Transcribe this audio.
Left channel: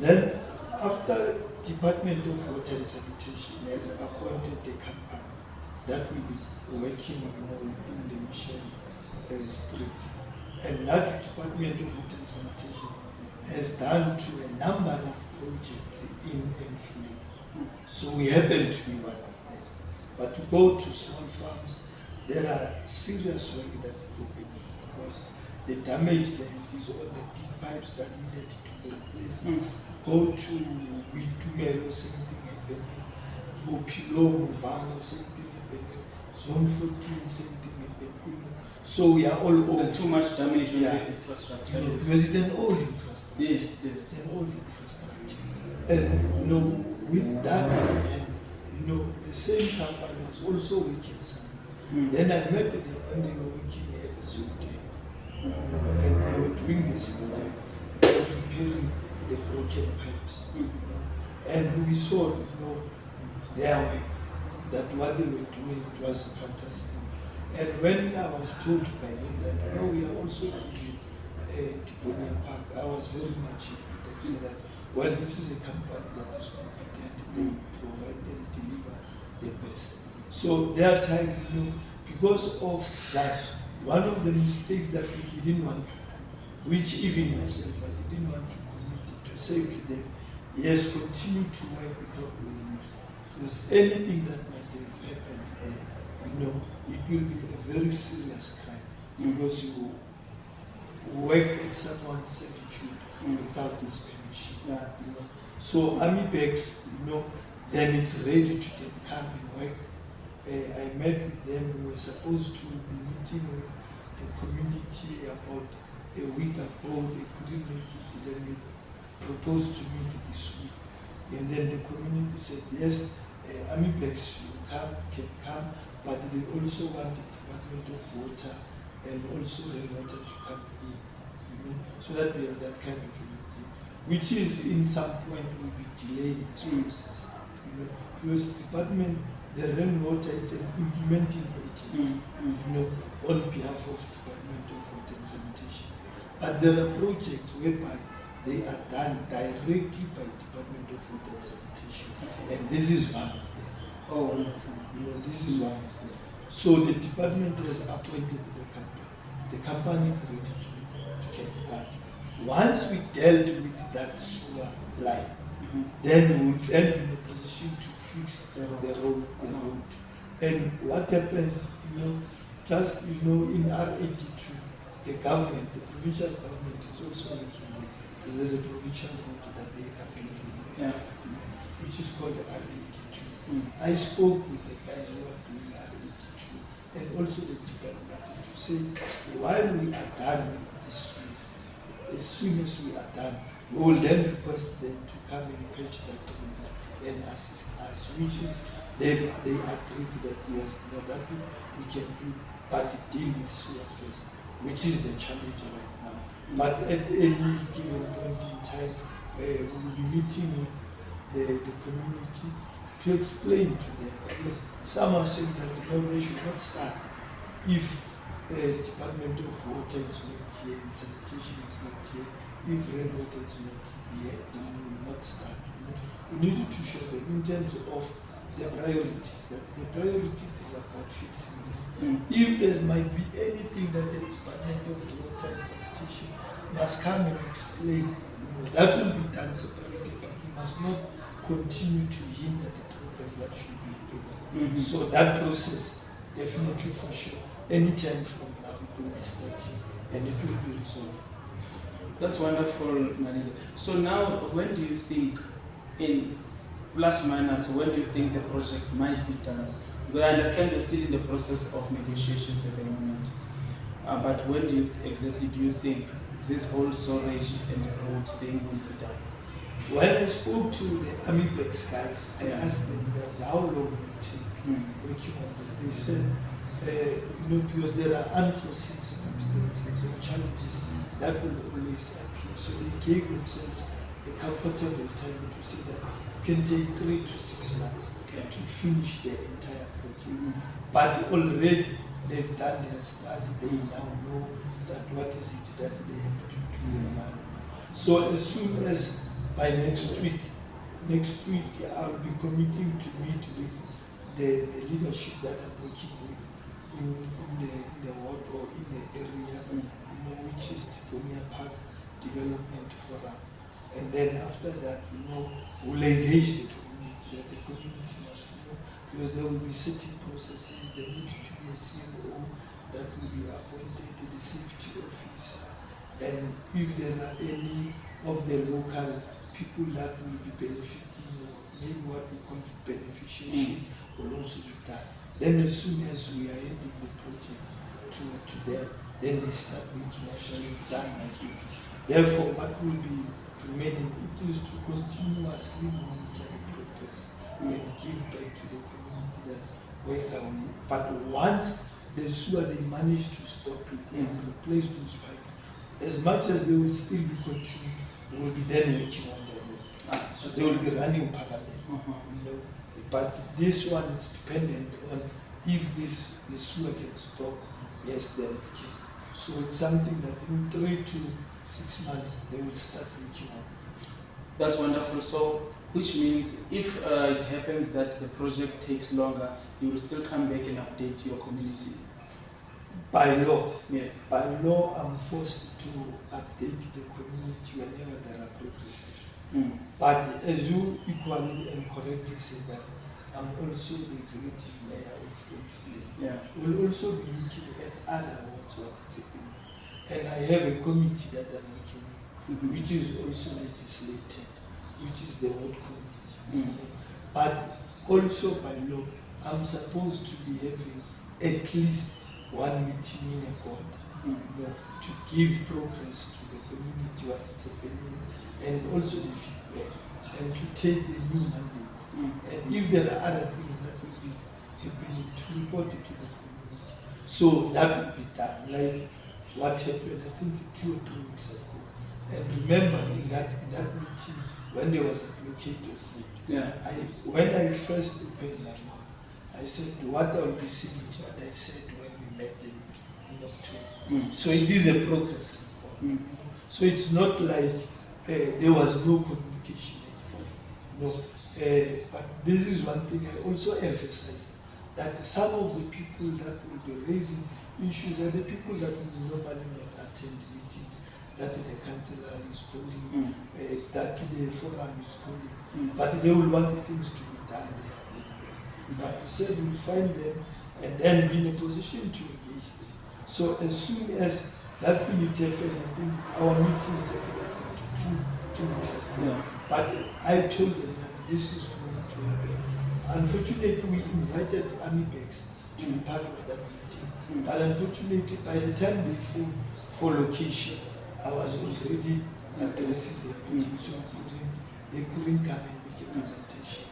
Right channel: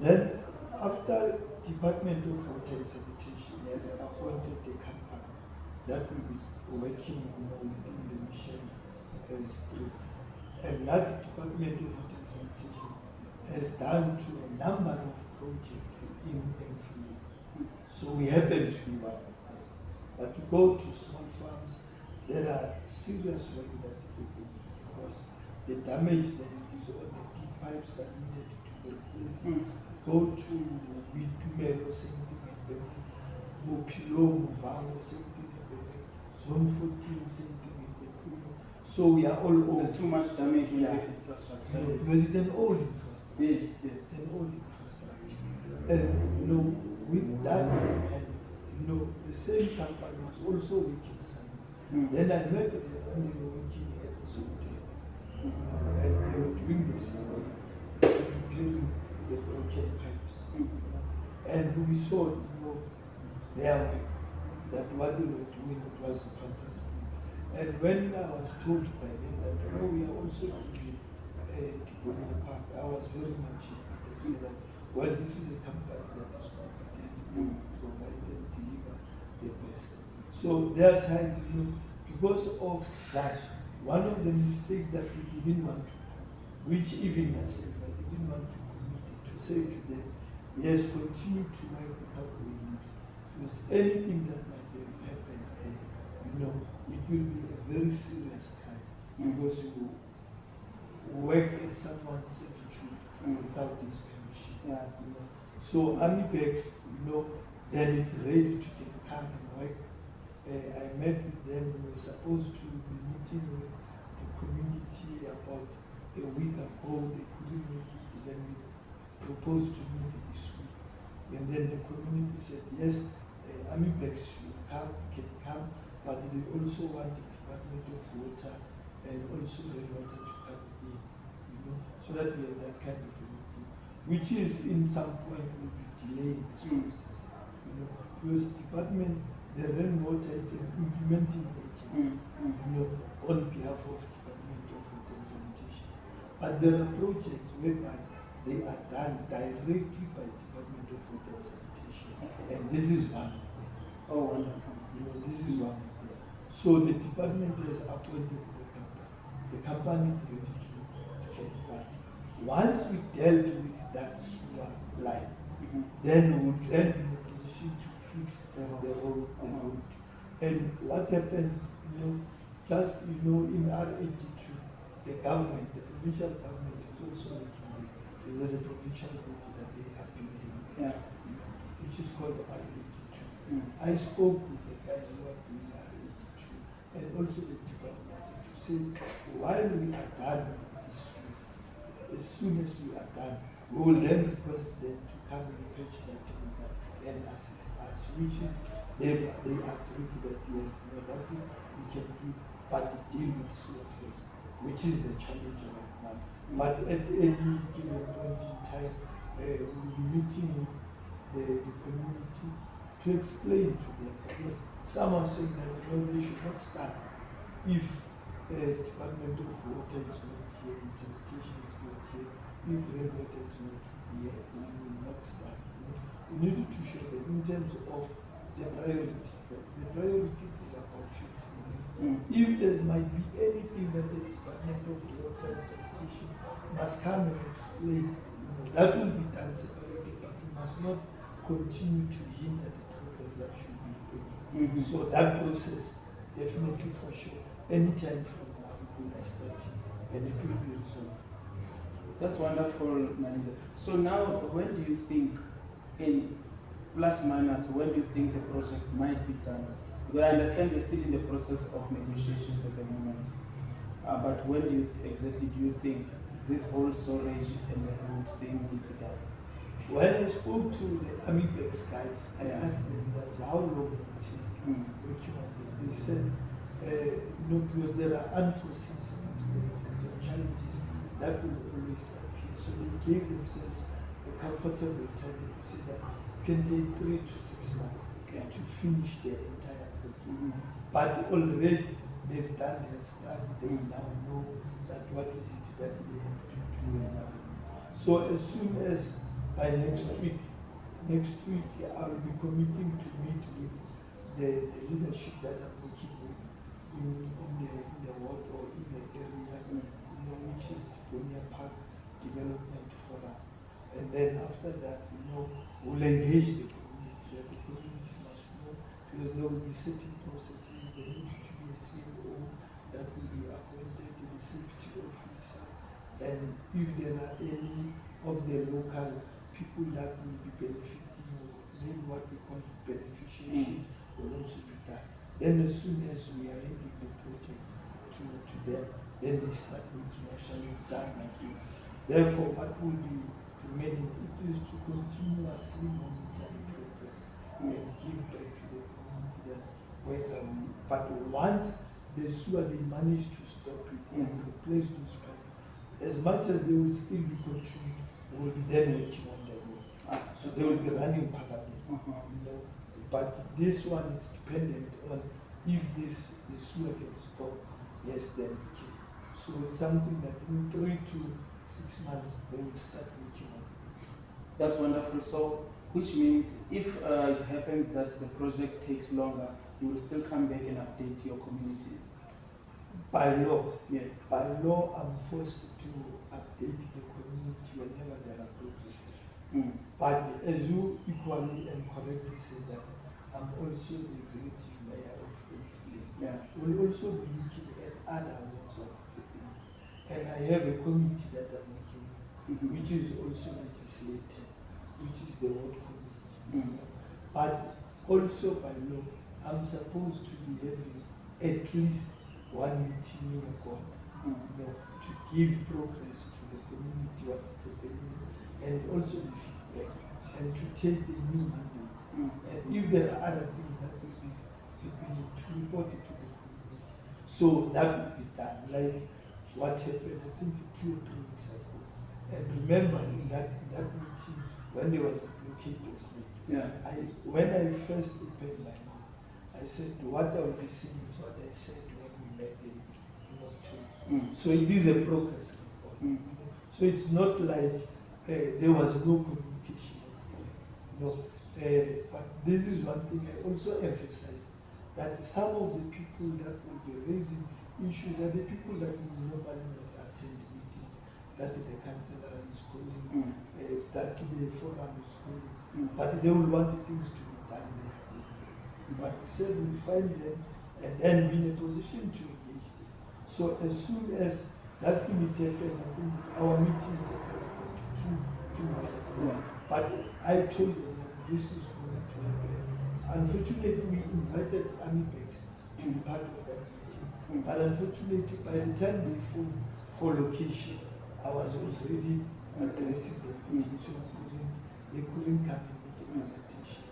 Then, after Department of Water and Sanitation has appointed a company that will be working, within the mission street, and that Department of Water and Sanitation has done to a number of projects in Emfuleni. So we happen to be one of them. But to go to small farms, there are serious work that is happening because the damage there is on the big pipes that needed to be replaced. Go to Vitumelo, same thing happening. Bopilo, Muvanga, same thing happening. Zone 14, same thing happening. So we are all over. There's too much damage on Yeah. the infrastructure. Because it's an old infrastructure. Yes, It's yes. an old infrastructure. And with that, and the same company was also working somewhere. Then I met them when they were working at Zute. And they were doing the same thing. They were repairing the broken pipes. And we saw, their way, that what they were doing, it was fantastic. And when I was told by them that, we are also giving Tiponia Park, I was very much happy to say that, well, this is a company that is competent, they will provide and deliver the best. So their time, because of that, one of the mistakes that we didn't want to do, which even myself, I didn't want to commit, to say to them, yes, continue to work without leaves. Because anything that might have happened there, it will be a very serious crime. Because you work at someone's servitude without his permission. Yeah. So Army Bags, then it's ready to come and work. I met with them. We were supposed to be meeting with the community about a week ago. They couldn't make it. Then we proposed to meet this week. And then the community said, yes, Army Bags can come, but they also want the Department of Water and also rainwater to come in, so that we have that kind of a meeting, which is in some point will be delaying this process, because the rainwater is an implementing agent, on behalf of Department of Water and Sanitation. But there are projects whereby they are done directly by Department of Water and Sanitation, and this is one of them. Oh, wonderful. This is one of them. So the department has appointed the company. The company is ready to get started. Once we dealt with that sewer line, then we will then be in a position to fix the road. And what happens, just in R82, the government, the provincial government is also working there, because there's a provincial road that they are building there, which is called the R82. I spoke with the guys who are doing R82 and also the department to say, while we are done with this road, as soon as we are done, we will then request them to come and fetch that road and assist us, which is they agreed that yes, that we can do, but deal with sewer first, which is the challenge right now. But at any given point in time, we will be meeting with the community to explain to them, because some are saying that they should not start if Department of Water is not here and sanitation is not here, if rainwater is not here, they will not start. We need to show them in terms of the priorities, that the priority is about fixing this. If there might be anything that the Department of Water and Sanitation must come and explain, that will be done separately, but we must not continue to hinder the progress that should be happening. So that process, definitely for sure, anytime from now it will be starting and it will be resolved. That's wonderful, Manila. So now, when do you think, in plus minus, when do you think the project might be done? Because I understand you're still in the process of negotiations at the moment. But when exactly do you think this whole storage and road thing will be done? When I spoke to the Army Bags guys, I asked them that how long will it take working on this. They said, because there are unforeseen circumstances or challenges that will always appear. So they gave themselves a comfortable time to say that it can take 3 to 6 months to finish the entire project. But already they've done their study. They now know that what is it that they have to do and so as soon as by next week. Next week, I'll be committing to meet with the leadership that I'm working with in the ward or in the area, which is the Premier Park Development Forum. And then after that, we'll engage the community, that the community must know, because there will be certain processes. There need to be a CLO that will be appointed, the safety officer, and if there are any of the local people that will be benefiting, or maybe what we call beneficiation, will also be done. Then as soon as we are ending the project to them, then they start making actually done my things. Therefore, what will be remaining, it is to continuously monitor the progress and give back to the community that where are we. But once the sewer, they manage to stop it and replace those pipes, as much as they will still be continuing, they will be then working on the road. So they will be running parallel. But this one is dependent on if the sewer can stop, yes, then we can. So it's something that in 3 to 6 months they will start working on. That's wonderful. So, which means if it happens that the project takes longer, you will still come back and update your community. By law, yes. By law, I'm forced to update the community whenever there are progresses. But as you equally and correctly said that I'm also the executive mayor of Emfuleni. Yeah. We'll also be looking at other wards, what is happening. And I have a committee that I'm working with, which is also legislated, which is the ward committee. But also by law, I'm supposed to be having at least one meeting in a quarter, to give progress to the community, what is happening, and also the feedback, and to take the new mandate. And if there are other things that will be happening, to report it to the community. So that will be done, like what happened, I think 2 or 3 weeks ago. And remember in that meeting, when there was a blockade of road, when I first opened my mouth, I said what I will be saying is what I said when we met them in October. So it is a progress report. So it's not like there was no communication at all. But this is one thing I also emphasize, that some of the people that will be raising issues are the people that will normally not attend meetings, that the councillor is calling, that the forum is calling, but they will want things to be done their own way. But we said we'll find them and then be in a position to engage them. So as soon as that thing will happen, I think our meeting will happen about 2 weeks ago. But I told them that this is going to happen. Unfortunately, we invited AMIBEX to be part of that meeting. But unfortunately, by the time they phoned for location, I was already addressing the meeting, so they couldn't come and make a presentation.